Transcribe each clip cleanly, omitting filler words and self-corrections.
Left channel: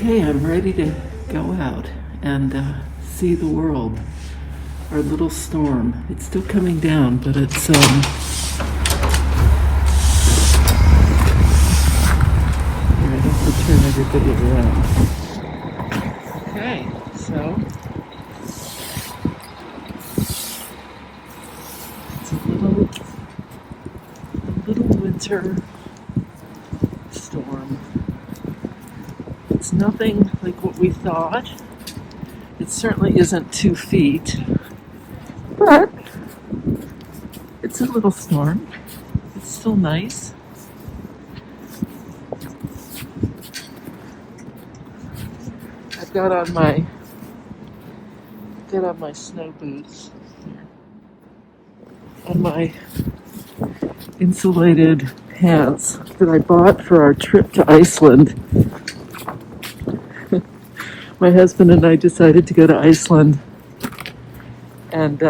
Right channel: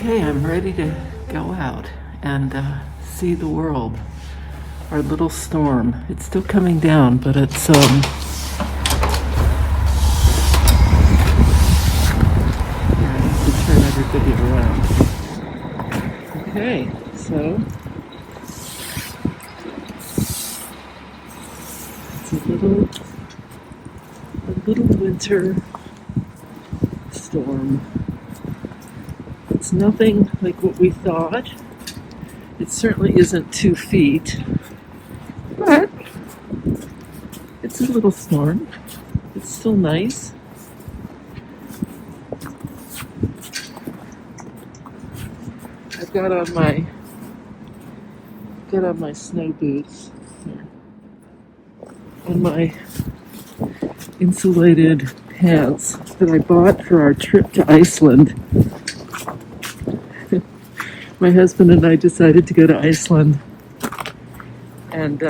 Okay, I'm ready to go out and see the world. Our little storm. It's still coming down, but it's yeah, I have to turn everybody around. Okay, so it's a little winter storm. It's nothing like what we thought. It certainly isn't 2 feet, but it's a little storm. It's still nice. I've got on my snow boots here and my insulated pants that I bought for our trip to Iceland. My husband and I decided to go to Iceland, and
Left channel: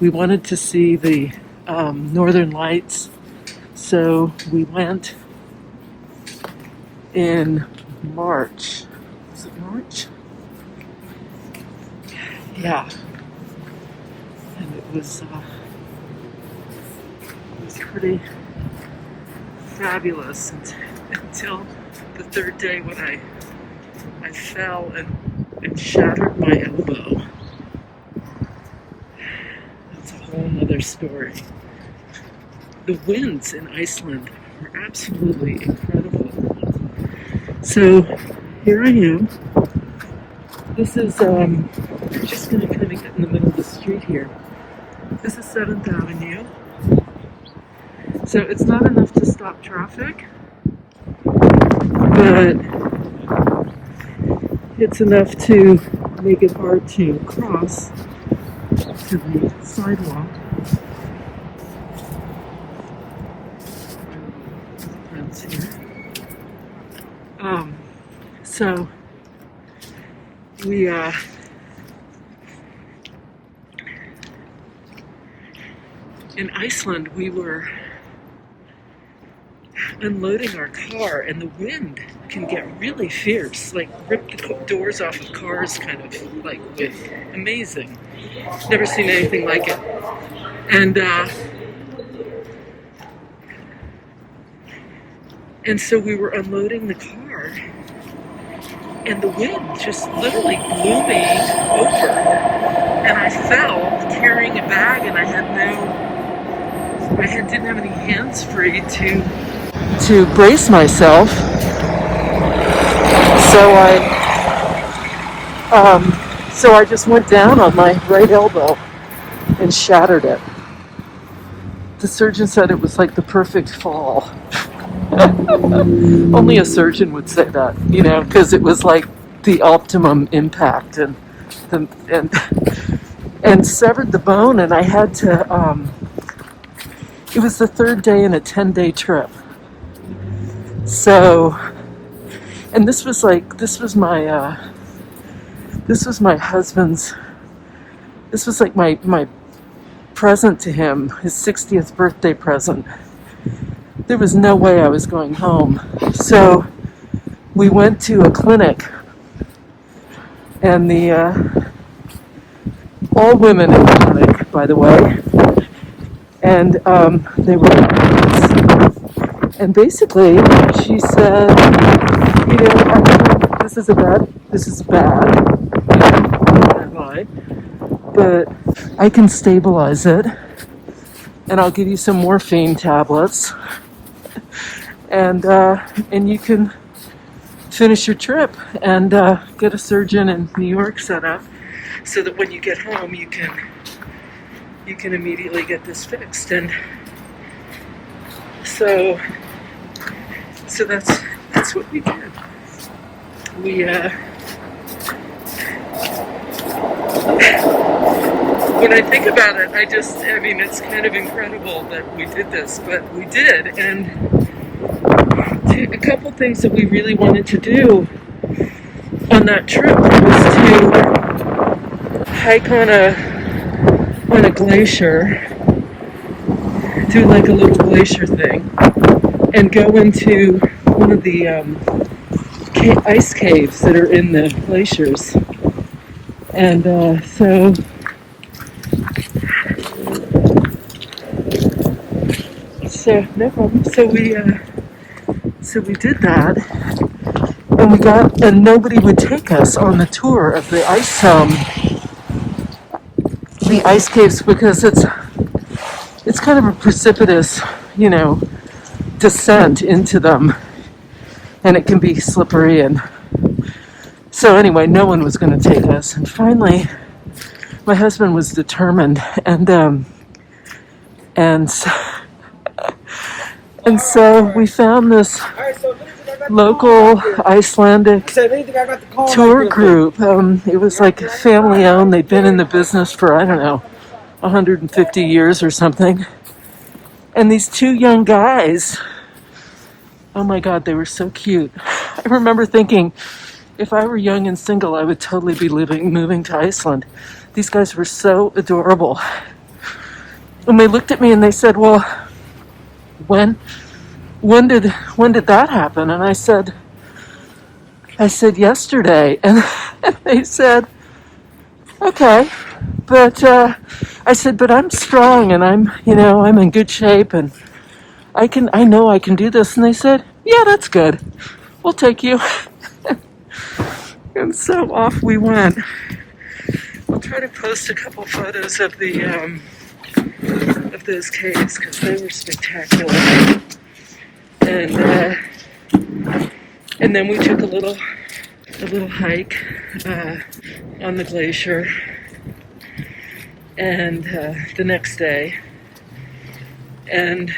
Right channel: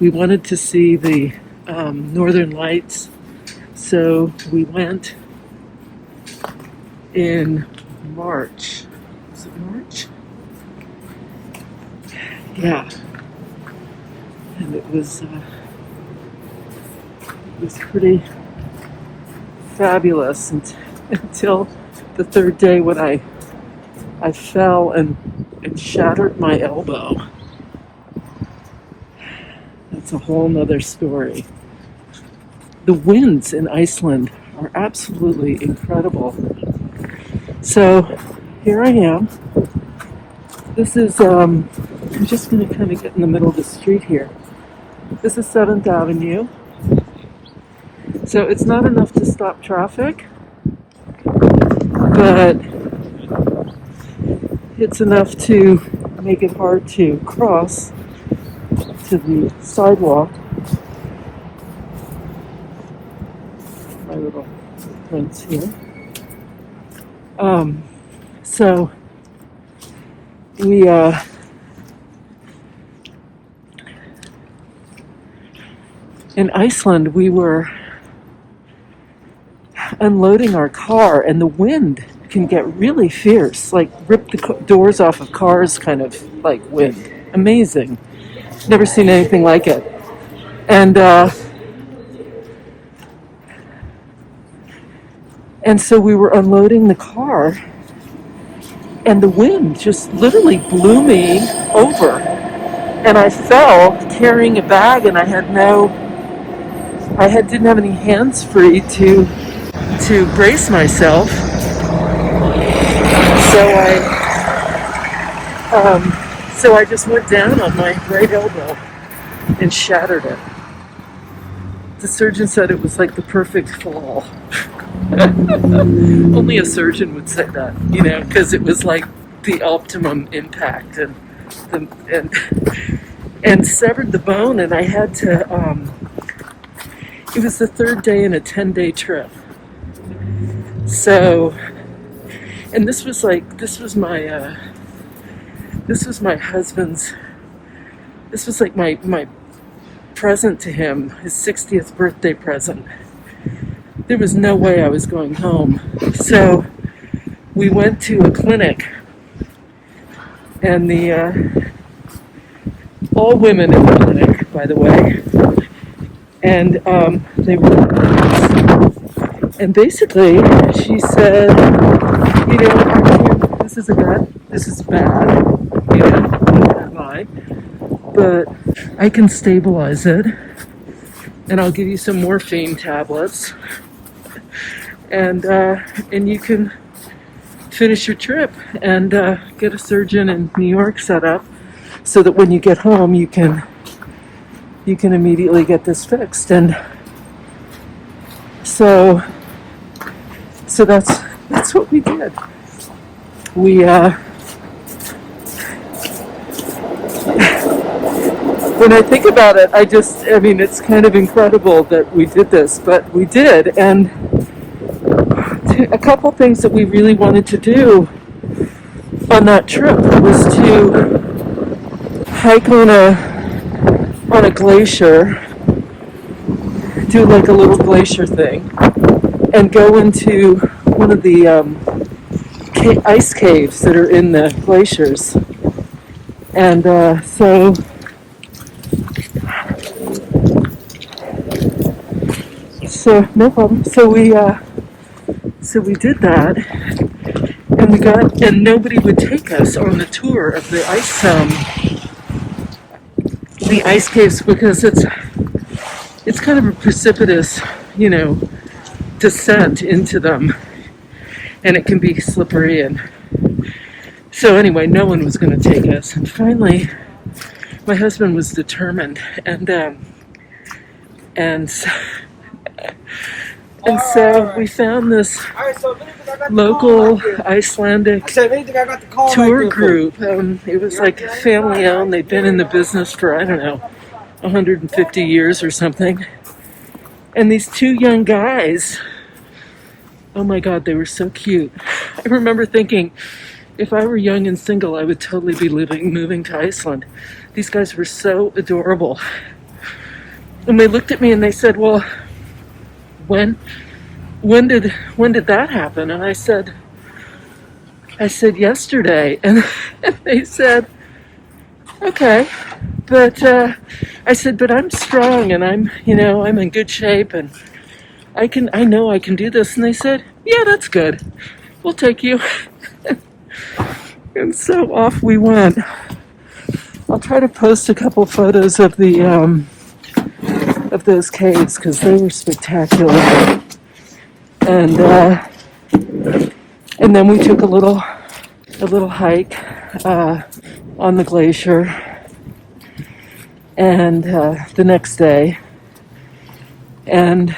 we wanted to see the Northern Lights, so we went in March. Is it March? Yeah. And it was pretty fabulous until the third day when I fell and shattered my elbow. That's a whole nother story. The winds in Iceland are absolutely incredible. So here I am. This is, I'm just going to kind of get in the middle of the street here. This is 7th Avenue. So it's not enough to stop traffic, but it's enough to make it hard to cross to the sidewalk. My little prints here. So we in Iceland, we were unloading our car, and the wind can get really fierce, like rip the doors off of cars kind of like wind. Amazing. Never seen anything like it. And so we were unloading the car, and the wind just literally blew me over, and I fell carrying a bag, and I didn't have any hands free to brace myself. So I just went down on my right elbow and shattered it. The surgeon said it was like the perfect fall. Only a surgeon would say that, because it was like the optimum impact, and severed the bone, and I had to. It was the third day in a 10-day trip. So, and this was my husband's, this was like my present to him, his 60th birthday present. There was no way I was going home. So we went to a clinic, and all women in the clinic, by the way, and they were nurses. And basically she said, this is bad, but I can stabilize it, and I'll give you some morphine tablets, and you can finish your trip and get a surgeon in New York set up so that when you get home you can immediately get this fixed. And so that's what we did. We when I think about it, it's kind of incredible that we did this, but we did. And a couple things that we really wanted to do on that trip was to hike on a glacier, do like a little glacier thing, and go into one of the ice caves that are in the glaciers. And so no problem. So we did that, and nobody would take us on the tour of the ice caves because it's kind of a precipitous, descent into them, and it can be slippery. And so anyway, no one was going to take us. And finally, my husband was determined, and so we found this local Icelandic tour group. It was like family owned. They'd been in the business for, I don't know, 150 years or something. And these two young guys, oh my God, they were so cute. I remember thinking, if I were young and single, I would totally be moving to Iceland. These guys were so adorable. And they looked at me and they said, well, when did that happen? And I said yesterday. And they said, okay, but I said, but I'm strong and I'm in good shape and I know I can do this. And they said, yeah, that's good. We'll take you. And so off we went. I'll try to post a couple photos of of those caves because they were spectacular. And then we took a little hike on the glacier, and the next day, and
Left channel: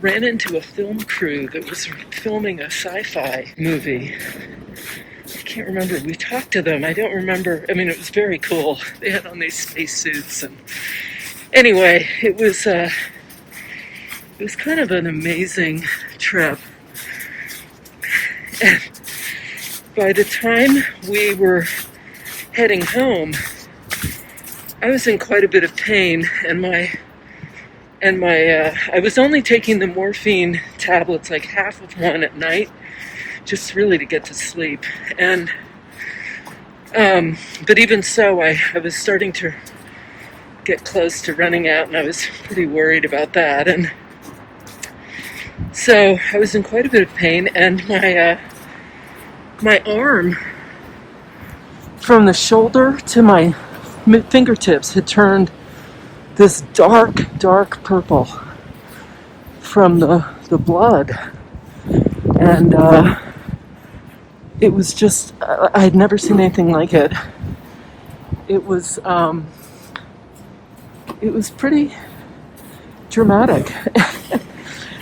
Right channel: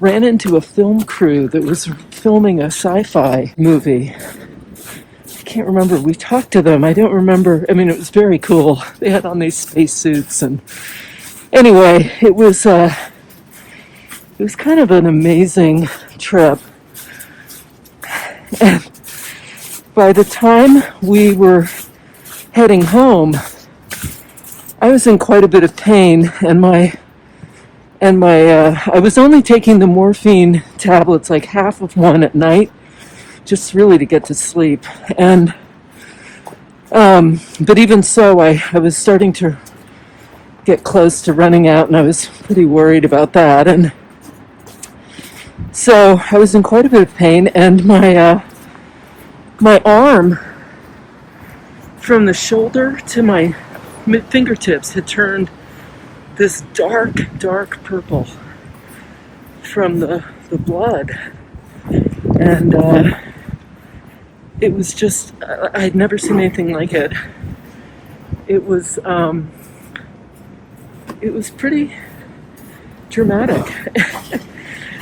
ran into a film crew that was filming a sci-fi movie. I can't remember. We talked to them. I don't remember. I mean, it was very cool. They had on these spacesuits, and anyway, it was kind of an amazing trip. And by the time we were heading home, I was in quite a bit of pain, and I was only taking the morphine tablets, like half of one at night, just really to get to sleep. And but even so, I was starting to get close to running out, and I was pretty worried about that. And so I was in quite a bit of pain, and my arm from the shoulder to my fingertips had turned this dark purple from the blood. And it was just, I'd never seen anything like it. It was pretty dramatic.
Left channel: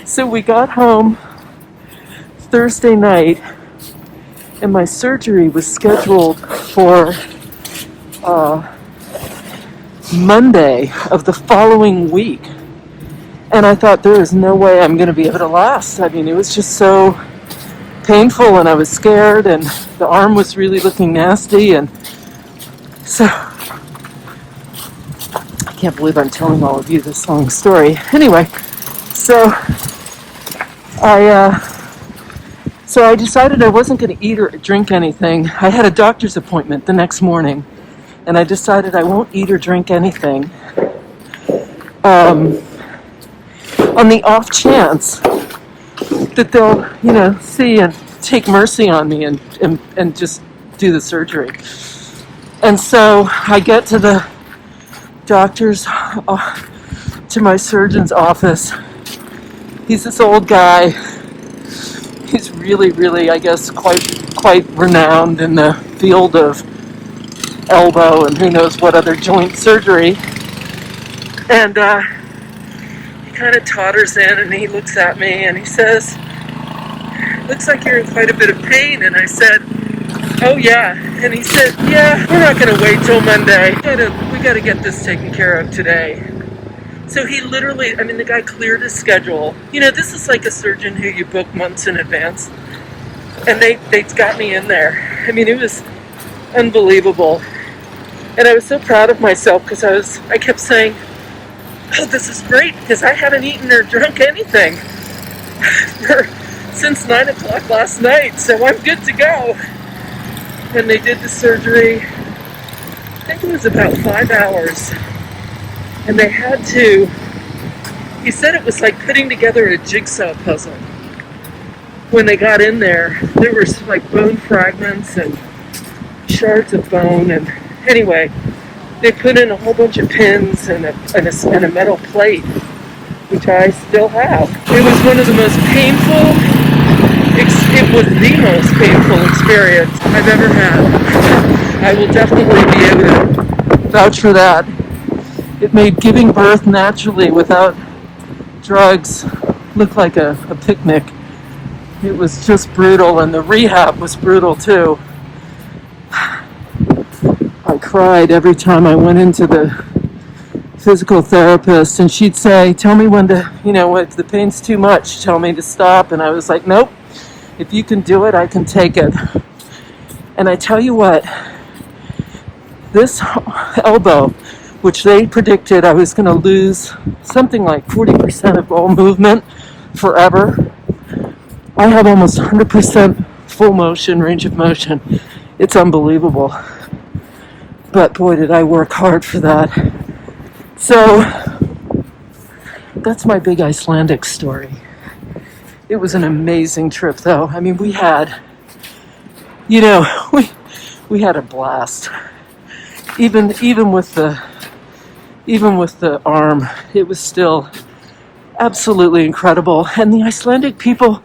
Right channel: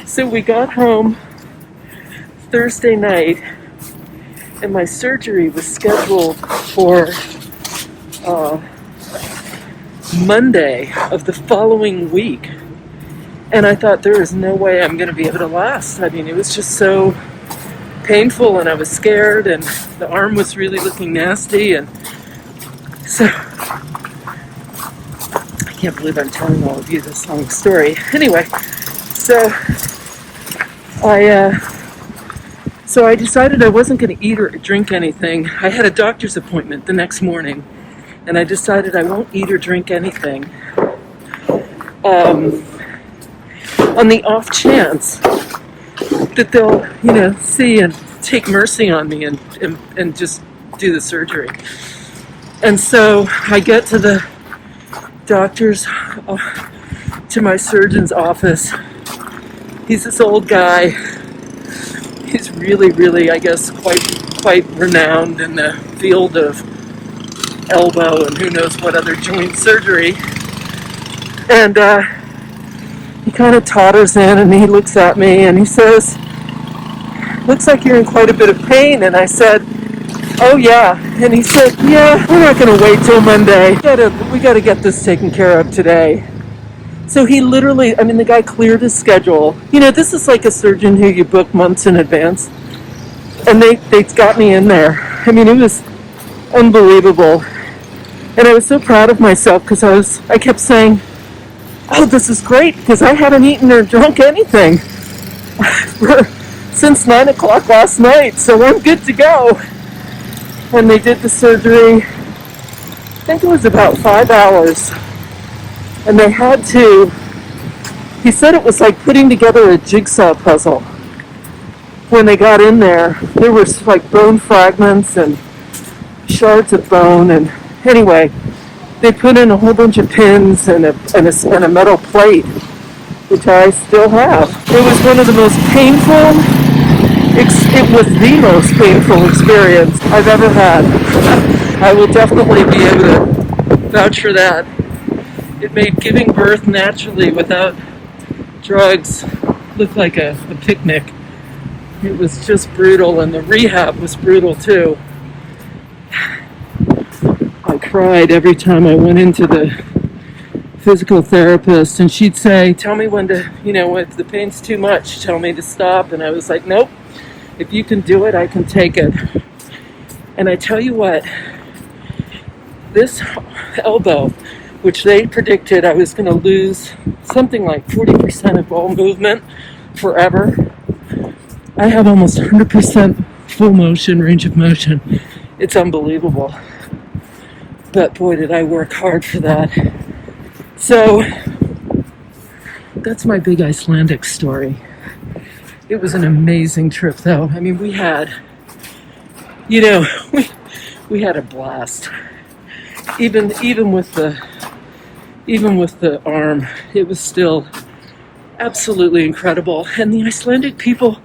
So we got home Thursday night, and my surgery was scheduled for Monday of the following week. And I thought, there is no way I'm going to be able to last. I mean, it was just so painful, and I was scared, and the arm was really looking nasty. And so I can't believe I'm telling all of you this long story. Anyway, so I decided I wasn't going to eat or drink anything. I had a doctor's appointment the next morning, and I decided I won't eat or drink anything. On the off chance that they'll, see and take mercy on me and just do the surgery. And so I get to the doctor's, to my surgeon's office. He's this old guy. He's really, I guess, quite renowned in the field of elbow and who knows what other joint surgery. And he kind of totters in, and he looks at me and he says, "Looks like you're in quite a bit of pain." And I said, "Oh yeah." And he said, "Yeah, we're not going to wait till Monday. We got to get this taken care of today." So he literally, the guy cleared his schedule. This is like a surgeon who you book months in advance. And they got me in there. It was unbelievable. And I was so proud of myself because I kept saying, "Oh, this is great," because I hadn't eaten or drunk anything since 9 o'clock last night, so I'm good to go. And they did the surgery, I think it was about 5 hours. And they had to, he said it was like putting together a jigsaw puzzle. When they got in there were like bone fragments and shards of bone, and anyway, they put in a whole bunch of pins and a metal plate, which I still have. It was one of the most painful, it was the most painful experience I've ever had. I will definitely be able to vouch for that. It made giving birth naturally without drugs look like a picnic. It was just brutal, and the rehab was brutal too. I cried every time I went into the physical therapist, and she'd say, tell me when to, if the pain's too much, tell me to stop. And I was like, nope, if you can do it, I can take it. And I tell you what, this elbow, which they predicted I was going to lose something like 40% of all movement forever, I have almost 100% full motion, range of motion. It's unbelievable. But boy, did I work hard for that. So that's my big Icelandic story. It was an amazing trip, though. I mean, we had, we had a blast. Even with the arm, it was still absolutely incredible. And the Icelandic people,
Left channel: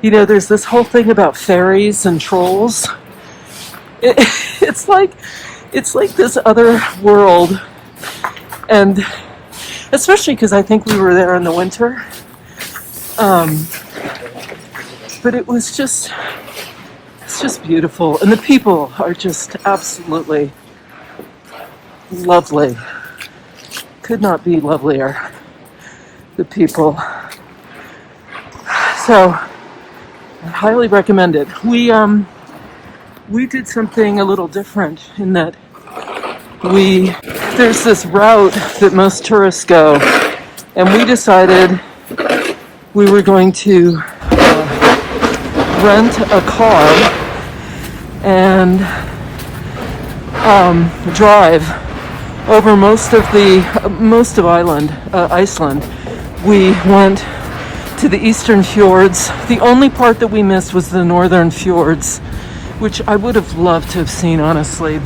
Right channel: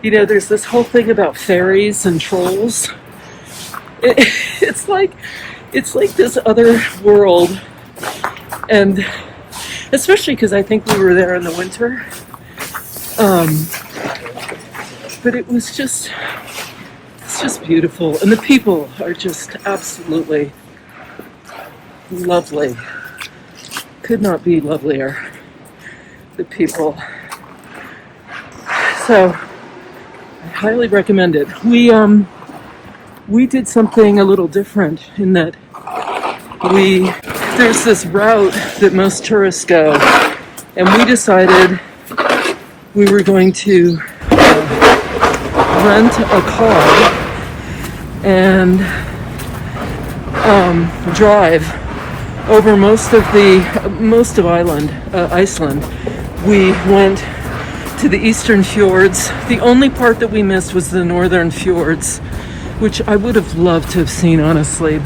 there's this whole thing about fairies and trolls. It's like this other world, and especially because I think we were there in the winter. But it's just beautiful, and the people are just absolutely lovely. Could not be lovelier, the people. So I highly recommend it. We did something a little different in that there's this route that most tourists go, and we decided we were going to rent a car and drive over most of Iceland. We went to the eastern fjords. The only part that we missed was the northern fjords, which I would have loved to have seen, honestly,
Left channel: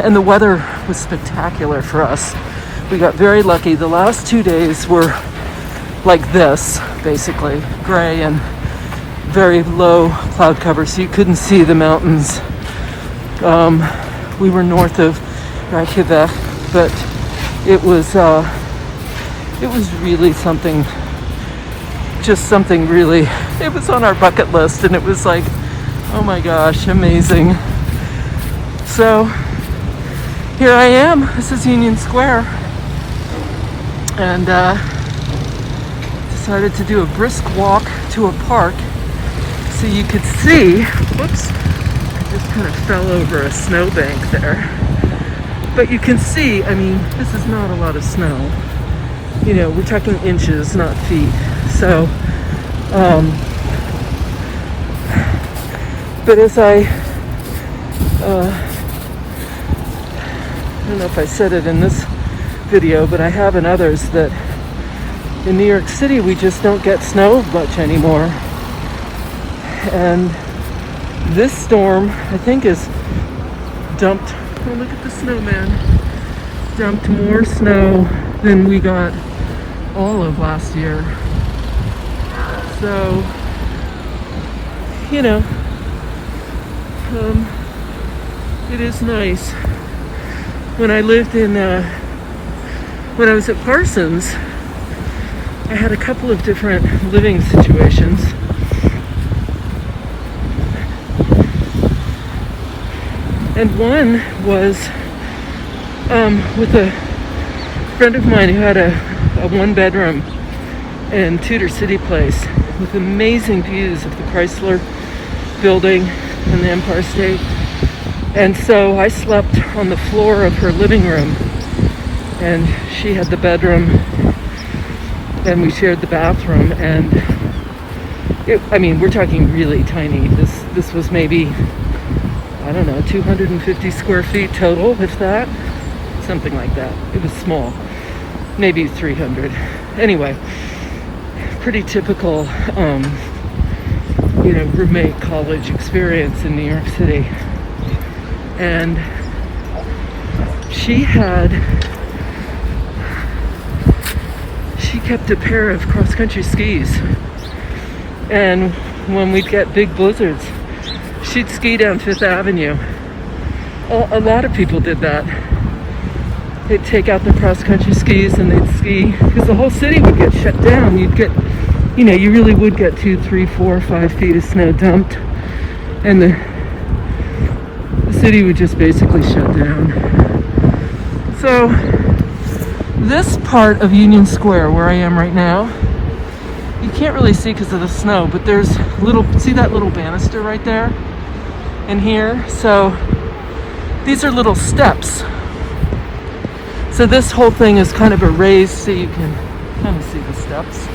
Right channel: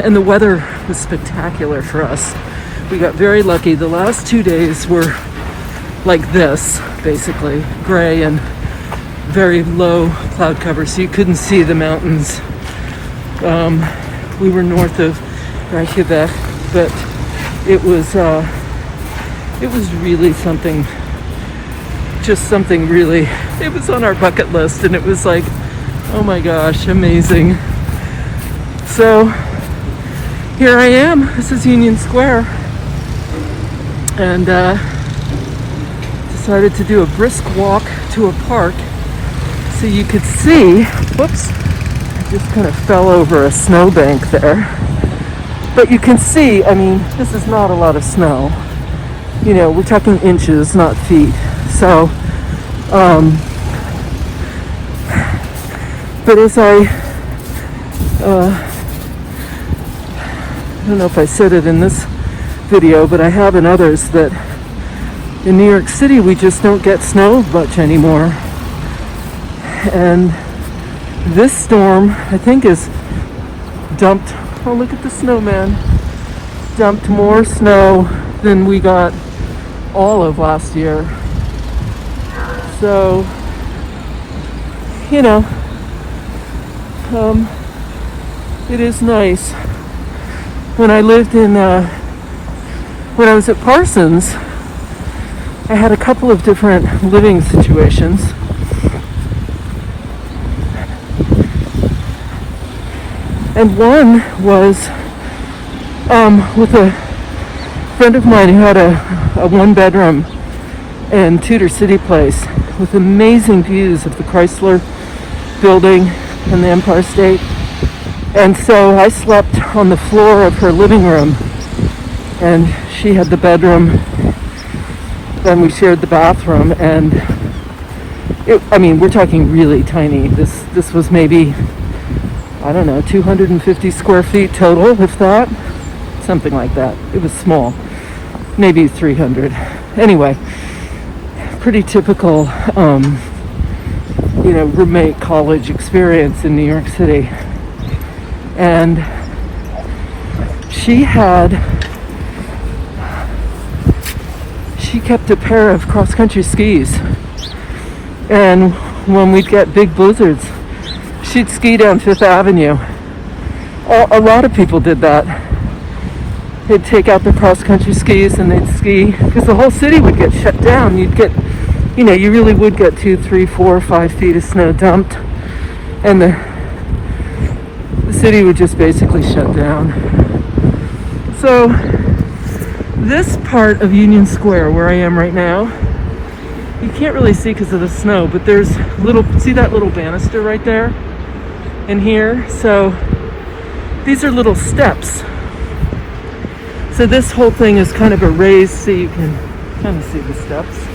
and the weather was spectacular for us. We got very lucky. The last 2 days were like this, basically, gray and very low cloud cover, so you couldn't see the mountains. We were north of Reykjavik, but it was really something, it was on our bucket list, and it was like, oh my gosh, amazing. So here I am. This is Union Square, and decided to do a brisk walk to a park so you could see. Whoops, I just kind of fell over a snowbank there. But you can see, I mean, this is not a lot of snow. We're talking inches, not feet. So, but as I don't know if I said it in this video, but I have in others, that in New York City we just don't get snow much anymore. And this storm, I think, is dumped, oh look at the snowman, dumped more snow than we got all of last year. So, it is nice. When I lived when I was at Parsons, I had a couple of different living situations. And one was with a friend of mine who had a one-bedroom in Tudor City Place with amazing views of the Chrysler Building and the Empire State. And so I slept on the floor of her living room, and she had the bedroom, and we shared the bathroom. And I mean, we're talking really tiny. This was maybe, I don't know, 250 square feet total, if that. Something like that. It was small. Maybe 300. Anyway, pretty typical, roommate college experience in New York City. And she kept a pair of cross-country skis. And when we'd get big blizzards, she'd ski down Fifth Avenue. A lot of people did that. They'd take out the cross-country skis and they'd ski, because the whole city would get shut down. You'd get, you really would get 2, 3, 4, 5 feet of snow dumped, and the city would just basically shut down. So this part of Union Square, where I am right now, you can't really see because of the snow, but there's see that little banister right there in here? So these are little steps. So this whole thing is kind of a raised, so you can kind of see the steps.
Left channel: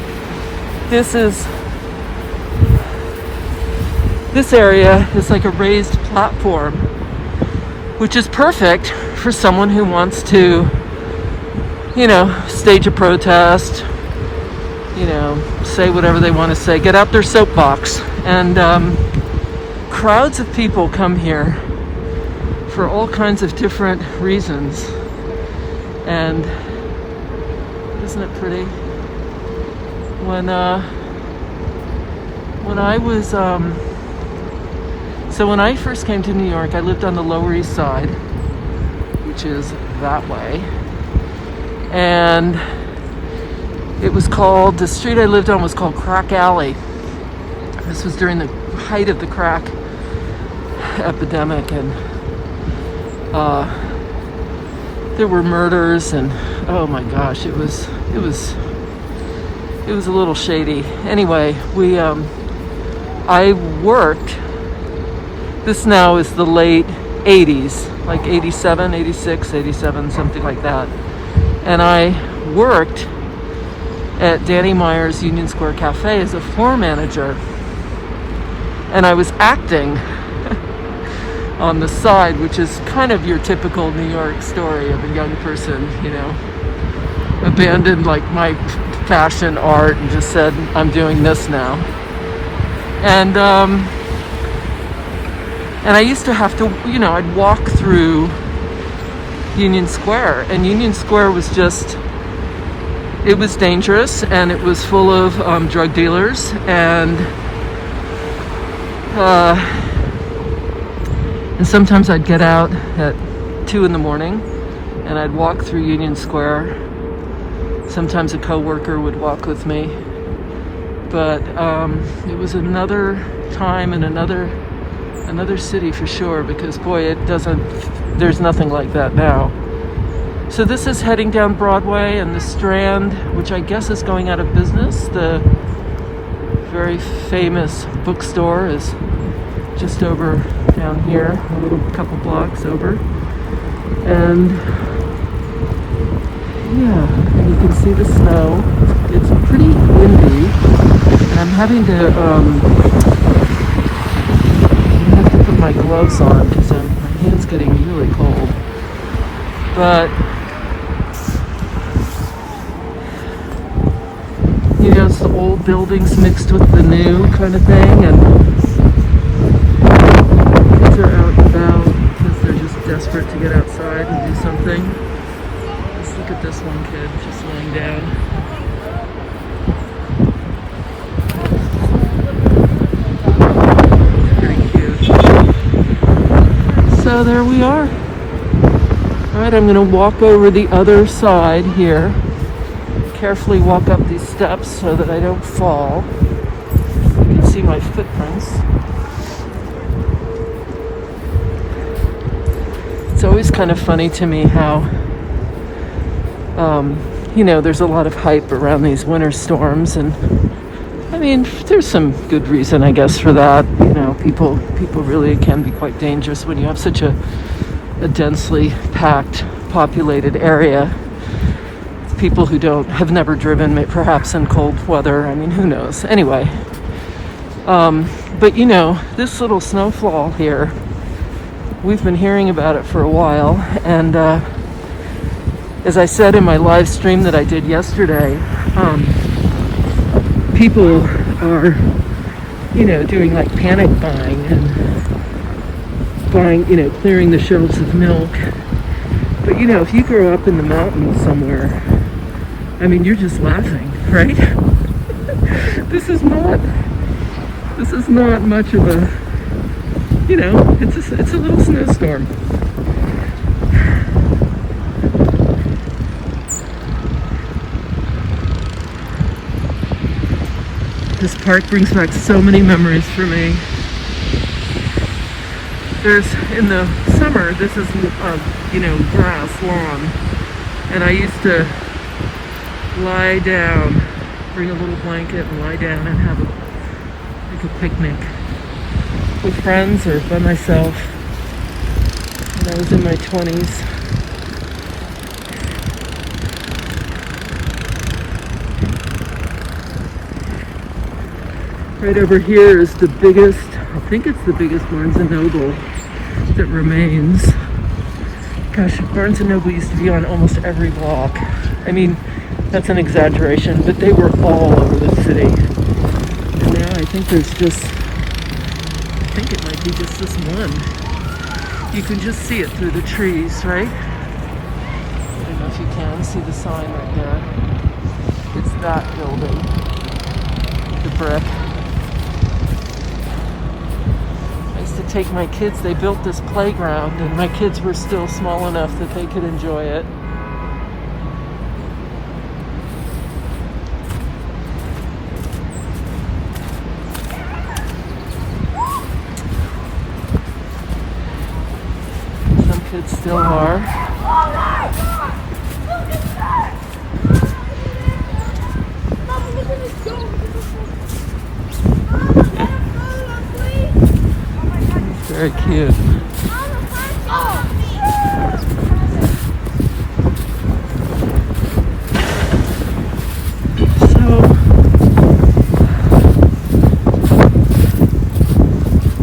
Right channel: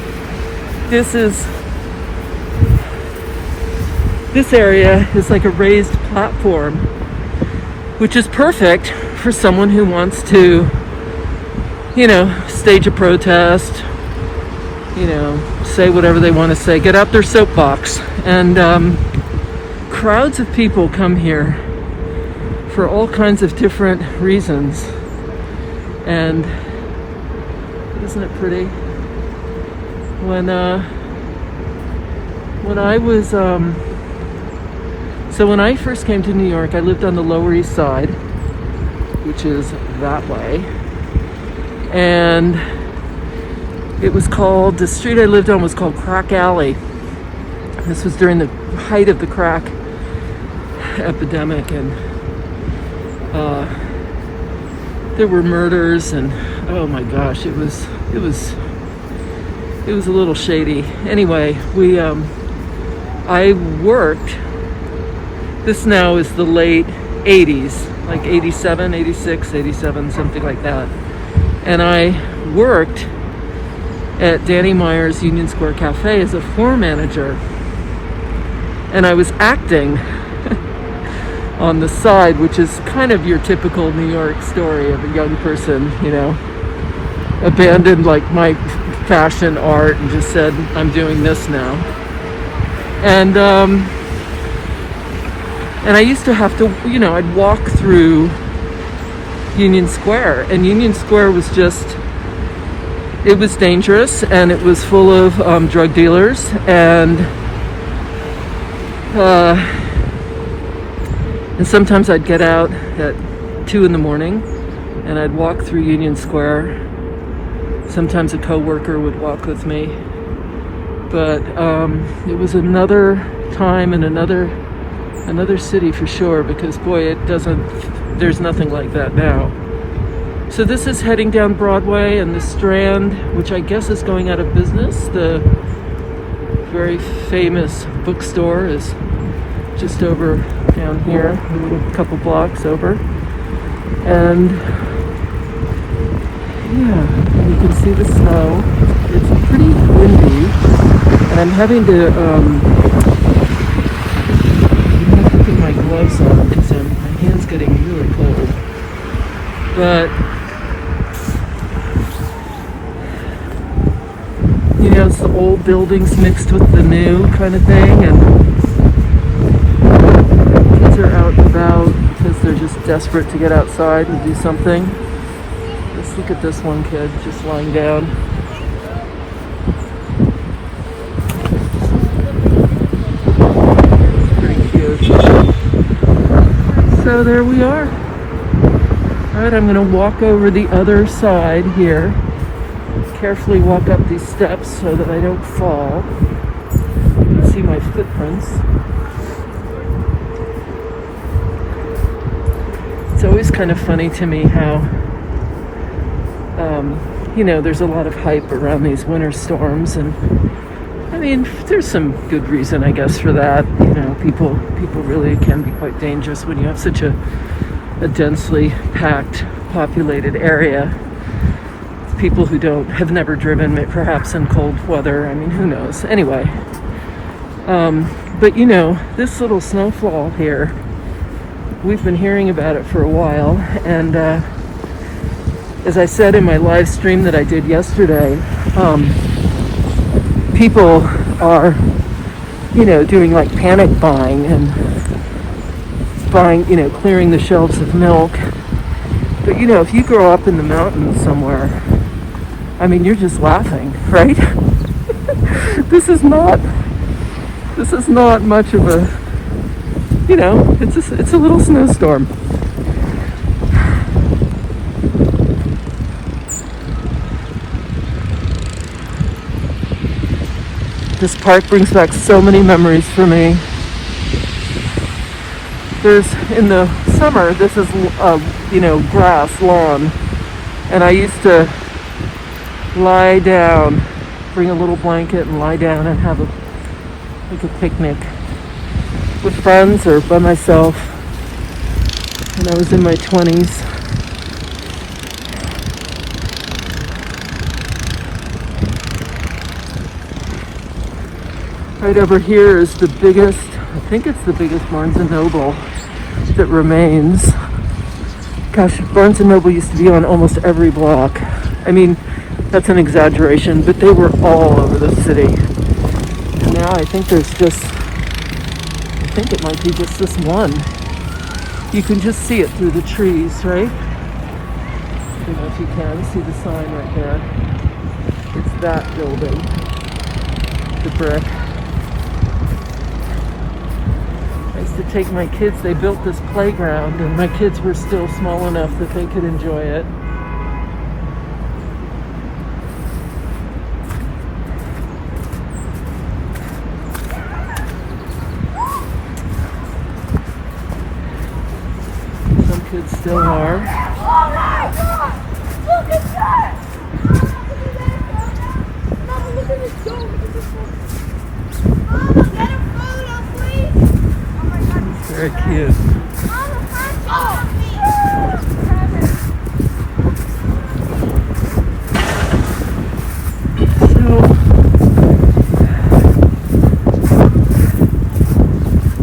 This area is like a raised platform, which is perfect for someone who wants to, stage a protest, say whatever they want to say, get out their soapbox. And crowds of people come here for all kinds of different reasons. And isn't it pretty? When I first came to New York, I lived on the Lower East Side, which is that way. And the street I lived on was called Crack Alley. This was during the height of the crack epidemic, and there were murders, and oh my gosh, it was a little shady. Anyway, I worked, this now is the late 80s, like 87, 86, 87, something like that. And I worked at Danny Meyer's Union Square Cafe as a floor manager. And I was acting on the side, which is kind of your typical New York story of a young person, abandoned like my fashion art and just said, I'm doing this now. And I used to have to, I'd walk through Union Square, and Union Square was it was dangerous, and it was full of drug dealers, and sometimes I'd get out at 2 a.m. and I'd walk through Union Square. Sometimes a coworker would walk with me, but it was another time in another city for sure, because boy, there's nothing like that now. So this is heading down Broadway, and the Strand, which I guess is going out of business. The very famous bookstore is just over down here, a little couple blocks over. And yeah, you can see the snow. It's pretty windy, and I'm having to put my gloves on because my hand's getting really cold. But it's the old buildings mixed with the new kind of thing, and kids are out and about because they're just desperate to get outside and do something. Just look at this one kid just lying down. Pretty cute. So there we are. Alright, I'm going to walk over the other side here. Carefully walk up these steps so that I don't fall. You can see my footprints. It's always kind of funny to me how there's a lot of hype around these winter storms, and I mean, there's some good reason, I guess, for that. People really can be quite dangerous when you have such a densely packed, populated area. People who have never driven, perhaps in cold weather. I mean, who knows? Anyway, But you know, this little snowfall here, we've been hearing about it for a while, and as I said in my live stream that I did yesterday, people are, you know, doing like panic buying and buying, you know, clearing the shelves of milk. But you know, if you grow up in the mountains somewhere, I mean, you're just laughing, right? This is not much of a, you know, it's a little snowstorm. This park brings back so many memories for me. There's, in the summer, this is, you know, grass, lawn, and I used to lie down, bring a little blanket and lie down and have a picnic with friends or by myself when I was in my 20s. Right over here is the biggest, I think it's the biggest Barnes & Noble that remains. Gosh, Barnes & Noble used to be on almost every block. I mean, that's an exaggeration, but they were all over the city. And now I think there's just, I think it might be just this one. You can just see it through the trees, right? I don't know if you can see the sign right there. It's that building, the brick. I used to take my kids, they built this playground, and my kids were still small enough that they could enjoy it. Some kids still are. Oh my God! Look at that! Mama, look at this dog! Look at this dog! Very cute. So,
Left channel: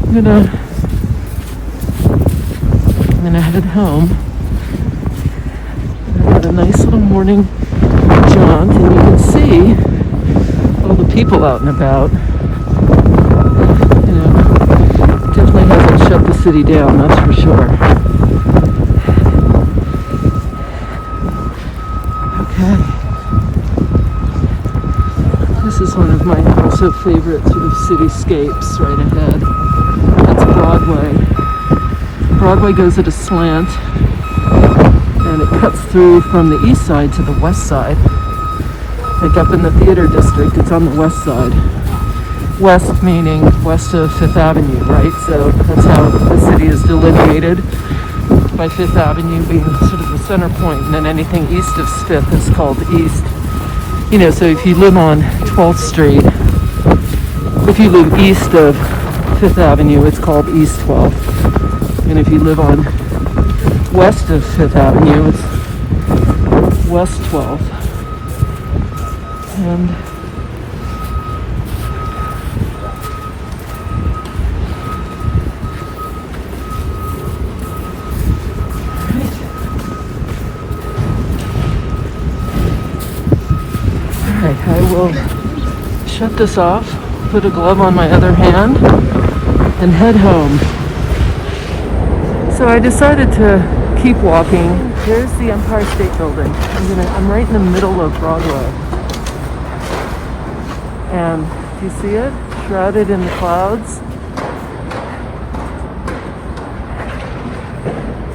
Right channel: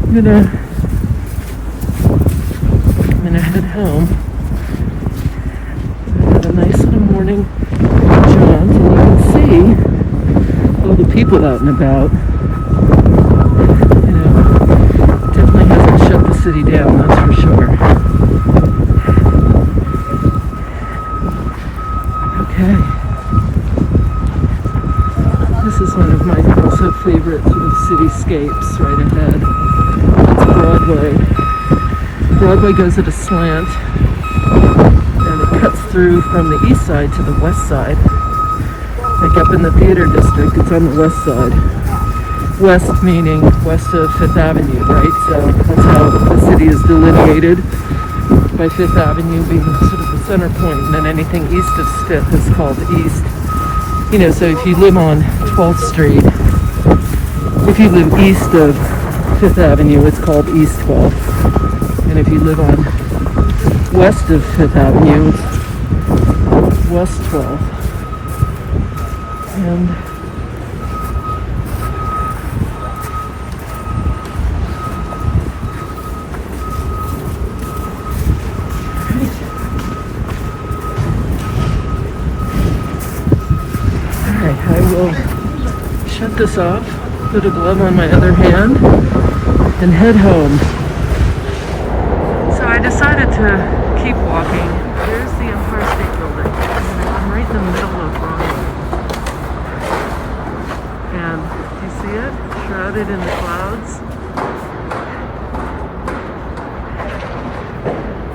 I'm gonna head home. I had a nice little morning jaunt, and you can see all the people out and about. Shut the city down, that's for sure. Okay. This is one of my also favorite sort of cityscapes right ahead. That's Broadway. Broadway goes at a slant, and it cuts through from the east side to the west side. Like up in the theater district, it's on the west side. West meaning west of Fifth Avenue, right? So that's how the city is delineated, by Fifth Avenue being sort of the center point, and then anything east of Fifth is called east. You know, so if you live on 12th Street, if you live east of Fifth Avenue, it's called East 12th. And if you live on west of Fifth Avenue, it's West 12th. And shut this off, put a glove on my other hand, and head home. So I decided to keep walking. There's the Empire State Building. I'm right in the middle of Broadway. And you see it? Shrouded in the clouds.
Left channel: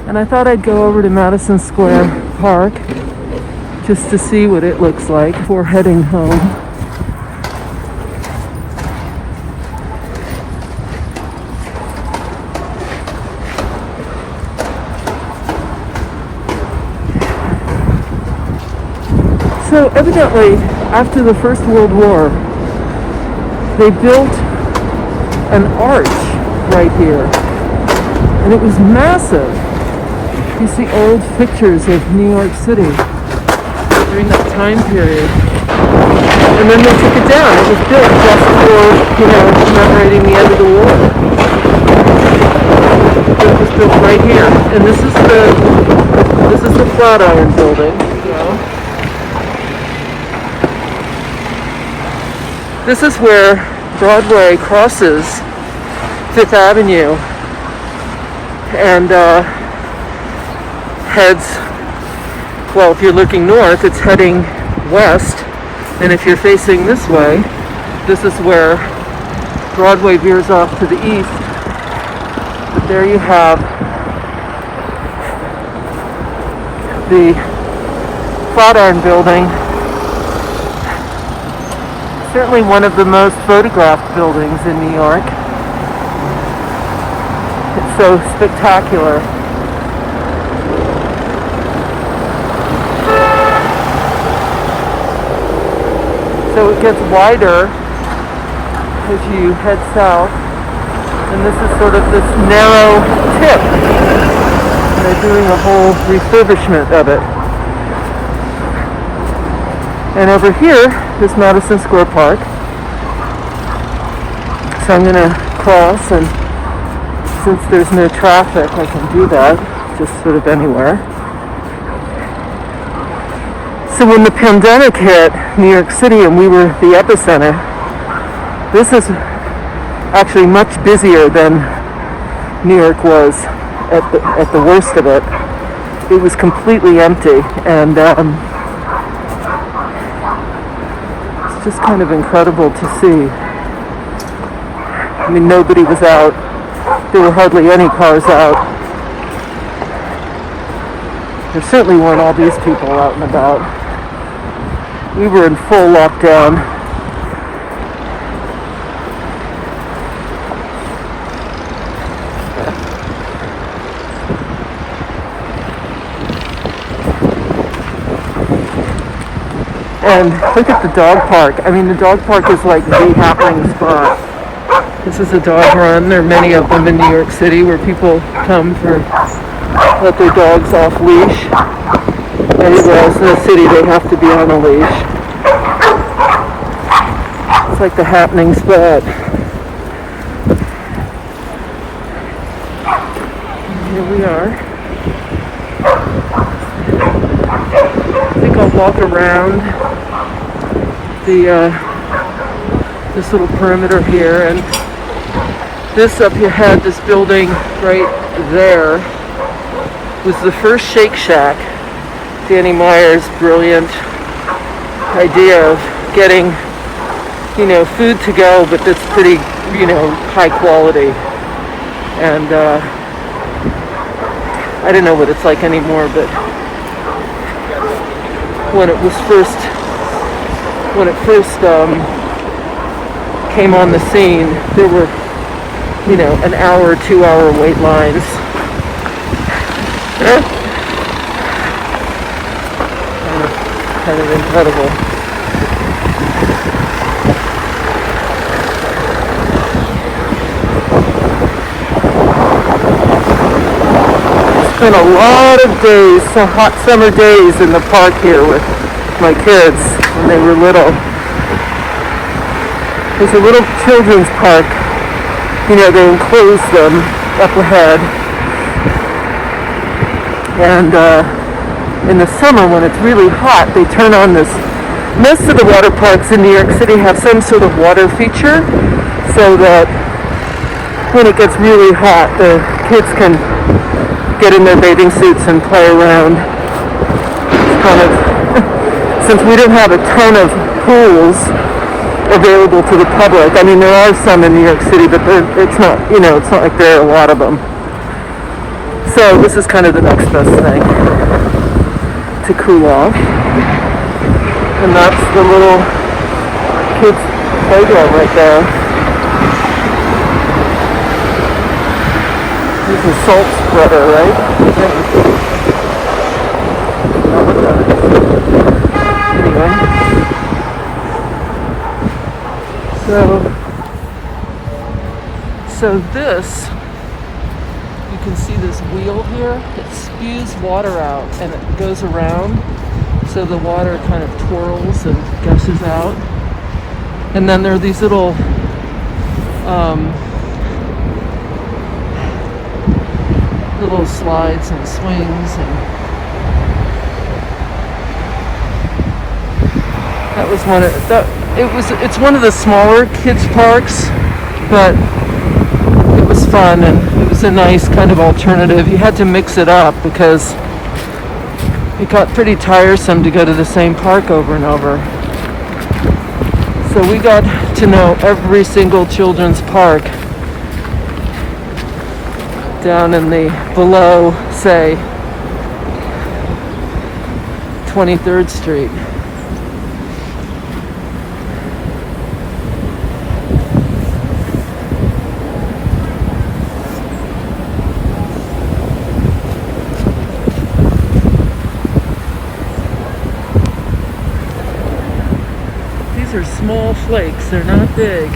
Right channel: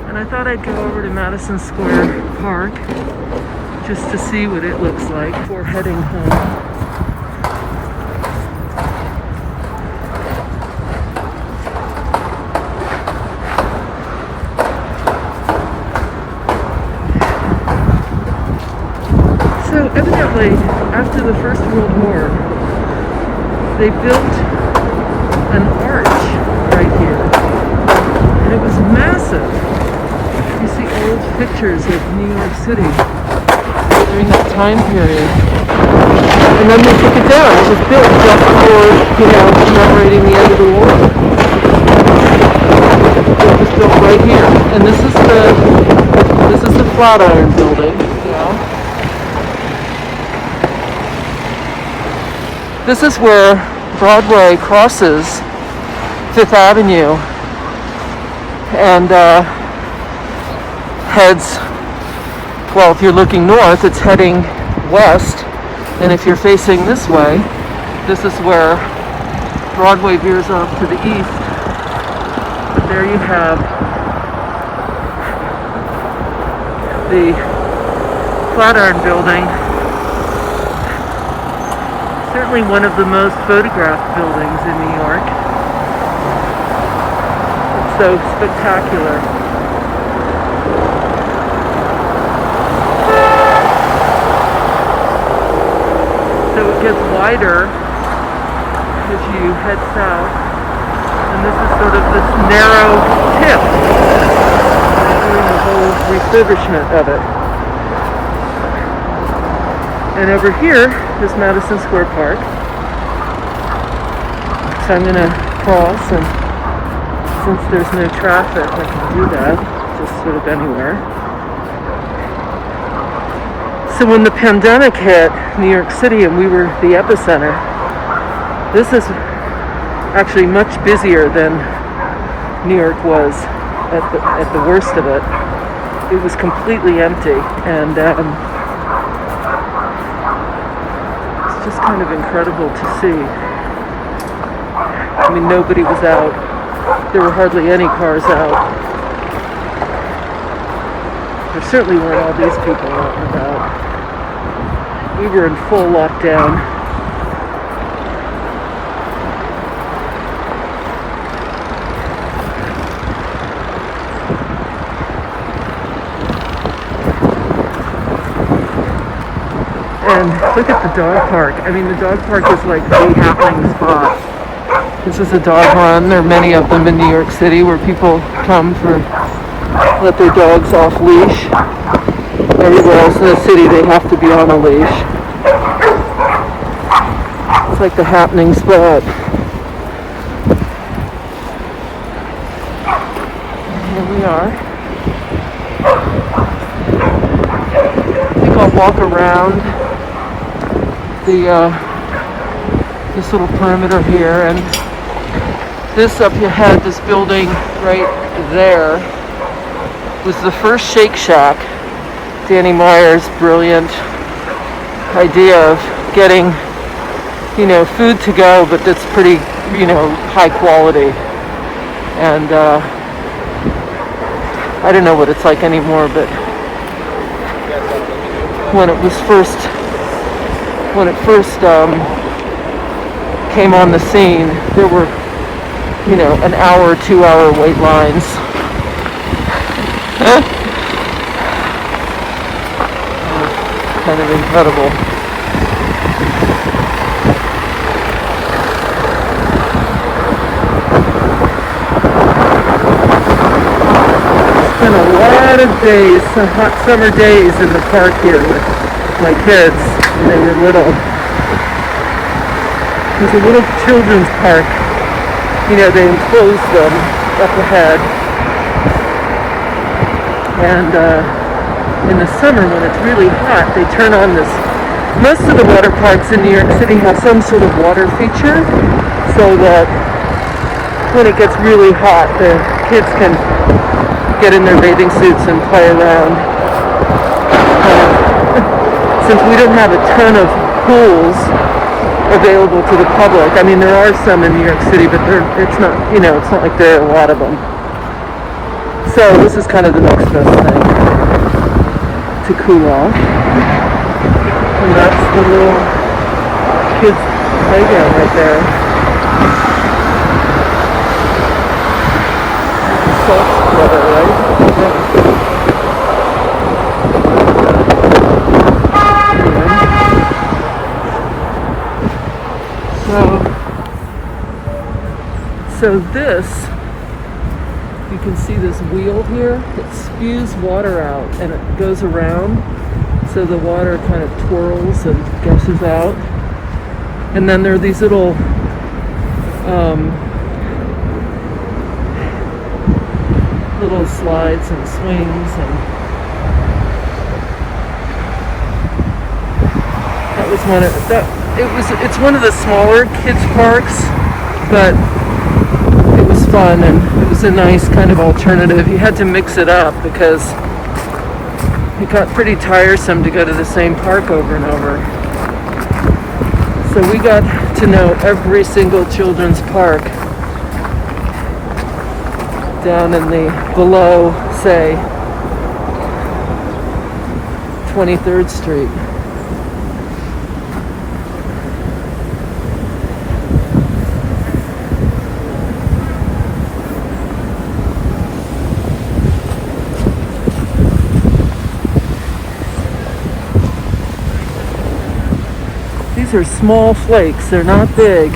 And I thought I'd go over to Madison Square Park just to see what it looks like before heading home. So evidently, after the First World War, they built an arch right here, and it was massive. You see old pictures of New York City during that time period. And then they took it down. It was built just for, commemorating the end of the war. It was built right here. And this is the Flatiron building. This is where Broadway crosses Fifth Avenue and heads, well, if you're looking north, it's heading west. And if you're facing this way, this is where Broadway veers off to the east. But there you have the Flatiron building. Certainly one of the most photographed buildings in New York. It's so spectacular. So it gets wider as you head south, and this is sort of this narrow tip. They're doing a whole refurbishment of it. And over here is Madison Square Park. So I'm going to cross, and since there's no traffic, I can do that just sort of anywhere. So when the pandemic hit New York City and we were the epicenter, this is actually much busier than New York was at the worst of it. It was completely empty, and it's just kind of incredible to see. I mean, nobody was out. There were hardly any cars out. There certainly weren't all these people out and about. We were in full lockdown. And look at the dog park. I mean, the dog park is like the happening spot. This is a dog run. There are many of them in New York City where people come to let their dogs off leash. Everywhere else in the city they have to be on a leash. It's like the happening spot. Here we are. I think I'll walk around this little perimeter here, and this up ahead, this building right there, was the first Shake Shack. Danny Meyer's brilliant idea of getting, food to go, but that's pretty, high quality. And I don't know what it's like anymore, but when it first came on the scene, there were, an hour, 2 hour wait lines. Kind of incredible. Spent a lot of days, some hot summer days in the park here with my kids when they were little. There's a little children's park. They enclose them up ahead. And in the summer when it's really hot, they turn on this. Most of the water parks in New York City have some sort of water feature so that when it gets really hot, the kids can get in their bathing suits and play around. Since we don't have a ton of pools available to the public, I mean, there are some in New York City, but it's not like there are a lot of them. So this is kind of the next best thing to cool off. And that's the little kids' playground right there. There's a salt spreader, right? So this, you can see this wheel here, it spews water out and it goes around. so the water kind of twirls and gushes out. And then there are these little little slides and swings, and that was one of that. It's one of the smaller kids parks, but it was fun and it was a nice kind of alternative. You had to mix it up because it got pretty tiresome to go to the same park over and over. So we got to know every single children's park down in the below, say, 23rd Street. These are small flakes, they're not big.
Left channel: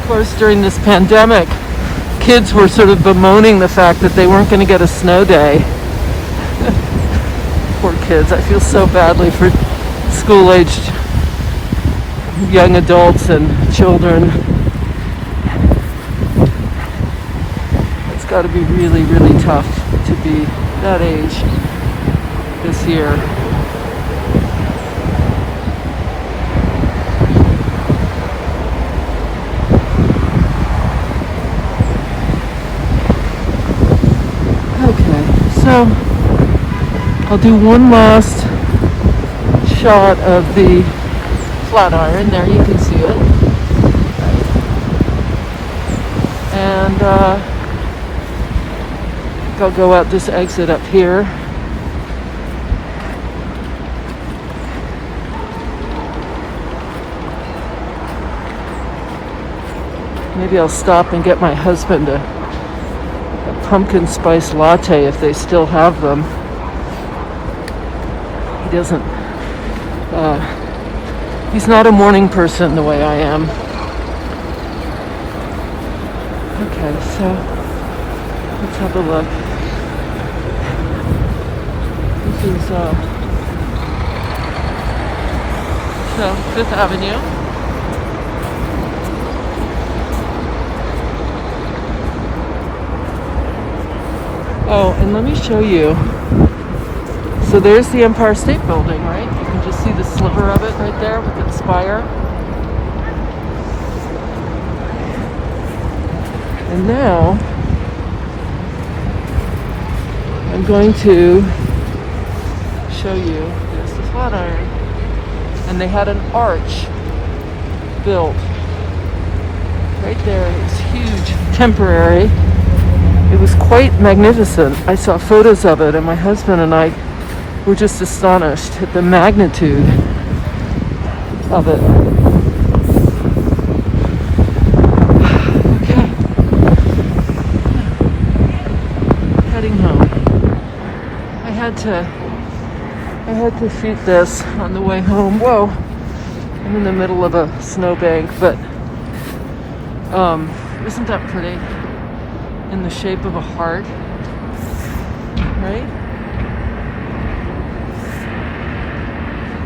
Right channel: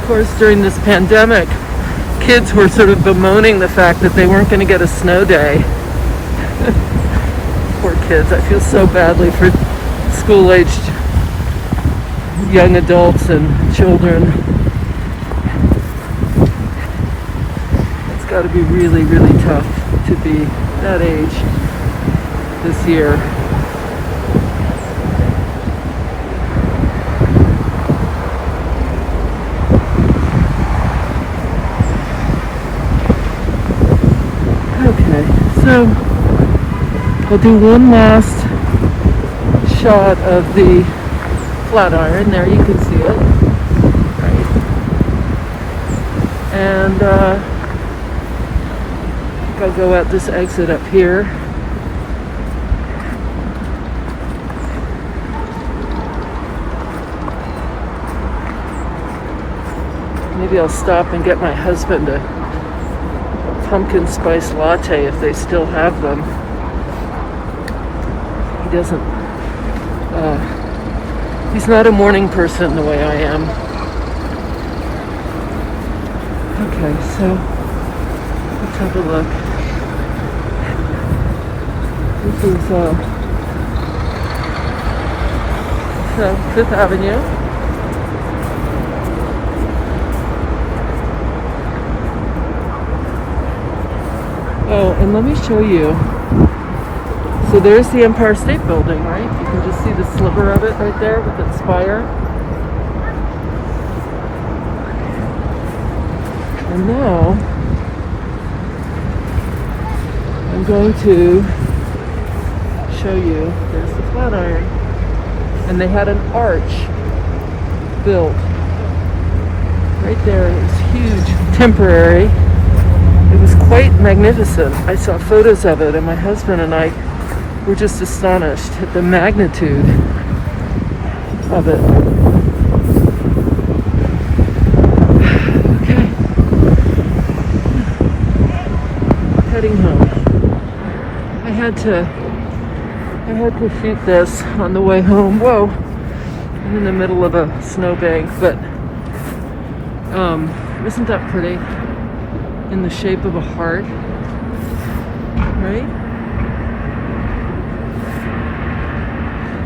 Of course, during this pandemic, kids were sort of bemoaning the fact that they weren't going to get a snow day. Poor kids. I feel so badly for school-aged young adults and children. It's got to be really, really tough to be that age this year. So I'll do one last shot of the Flatiron. There you can see it. And I'll go out this exit up here. Maybe I'll stop and get my husband a pumpkin spice latte if they still have them. He doesn't, he's not a morning person the way I am. Okay, so let's have a look. This is, so Fifth Avenue. Oh, and let me show you. So there's the Empire State Building, right? You can just see the sliver of it right there with its spire. And now I'm going to show you. There's the Flatiron. And they had an arch built right there. It was huge, temporary. It was quite magnificent. I saw photos of it, and my husband and I were just astonished at the magnitude of it. Okay. Heading home. I had to shoot this on the way home. Whoa, I'm in the middle of a snowbank, but isn't that pretty? In the shape of a heart, right?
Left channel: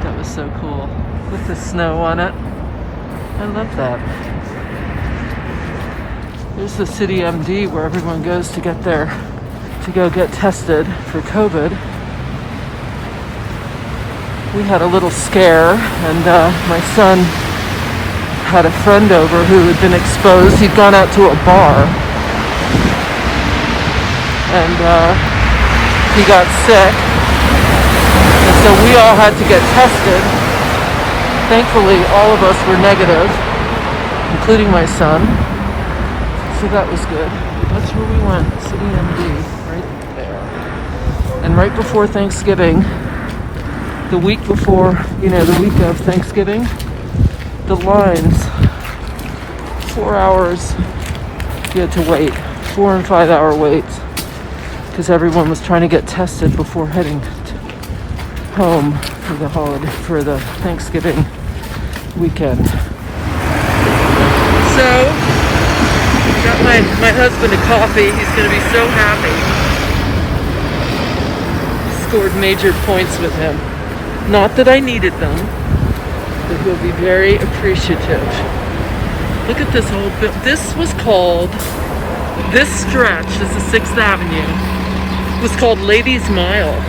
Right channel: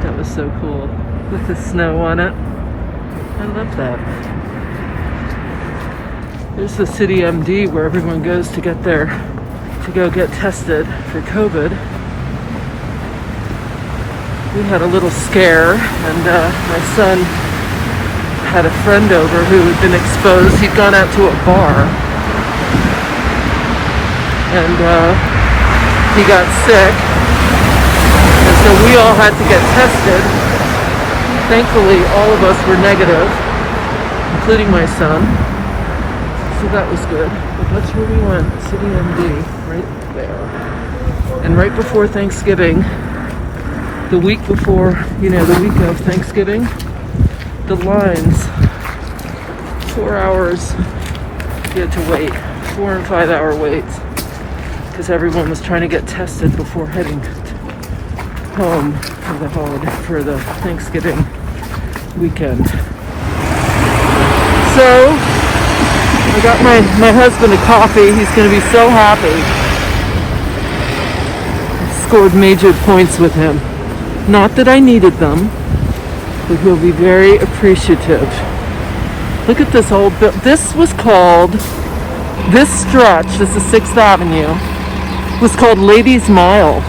That was so cool, with the snow on it. I love that. There's the City MD where everyone goes to go get tested for COVID. We had a little scare, and my son had a friend over who had been exposed. He'd gone out to a bar, and he got sick, and so we all had to get tested. Thankfully, all of us were negative, including my son, so that was good. But that's where we went, City MD, right there. And right before Thanksgiving, the week before, the week of Thanksgiving, the lines, 4 hours, you had to wait, 4 and 5 hour waits, because everyone was trying to get tested before heading home for the Thanksgiving weekend. So I got my husband a coffee. He's going to be so happy. Scored major points with him. Not that I needed them, but he'll be very appreciative. Look at this old building. This stretch, this is 6th Avenue, was called Ladies' Mile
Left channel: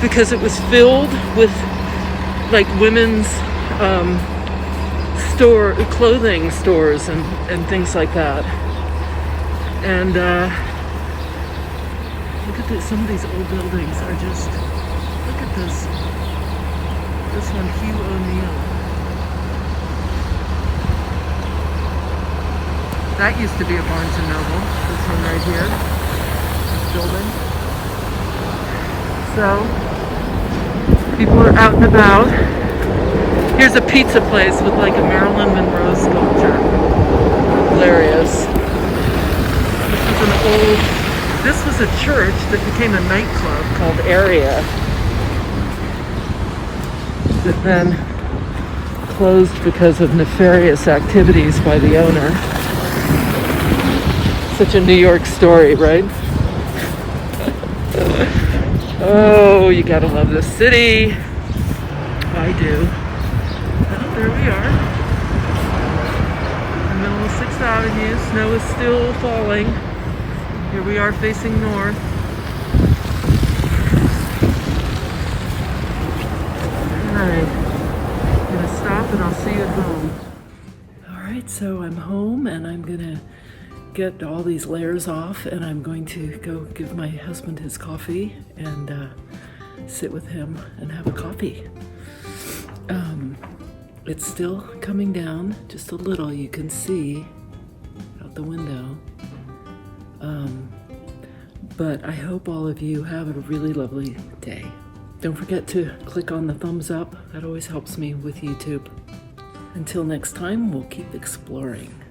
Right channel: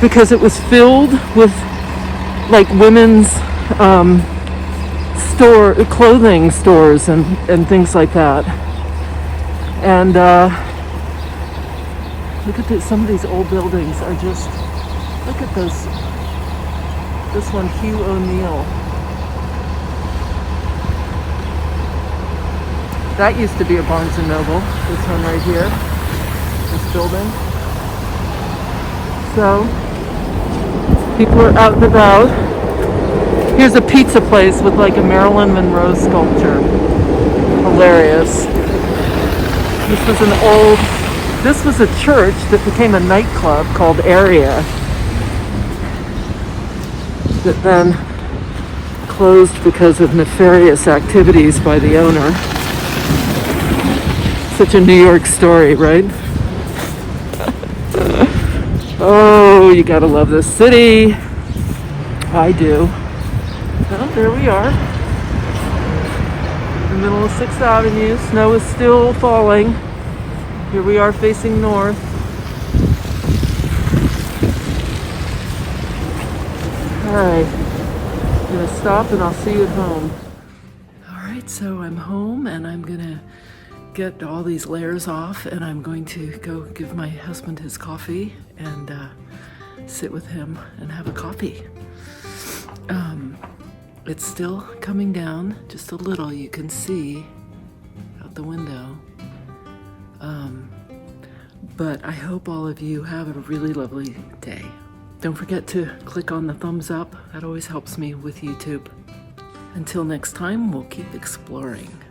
because it was filled with like women's clothing stores and things like that. And look at some of these old buildings are just, look at this one, Hugh O'Neill. That used to be a Barnes & Noble, this one right here, this building. So, people are out and about. Here's a pizza place with like a Marilyn Monroe sculpture. Hilarious. This was a church that became a nightclub called Ariane, that then closed because of nefarious activities by the owner. Such a New York story, right? Oh, you gotta love this city. I do. Well, there we are. In the middle of 6th Avenue. Snow is still falling. Here we are facing north. Alright. I'm gonna stop and I'll see you at home. Alright, so I'm home and I'm gonna get all these layers off and I'm going to go give my husband his coffee and sit with him and have a coffee. It's still coming down just a little, you can see out the window. But I hope all of you have a really lovely day. Don't forget to click on the thumbs up, that always helps me with YouTube. Until next time, we'll keep exploring.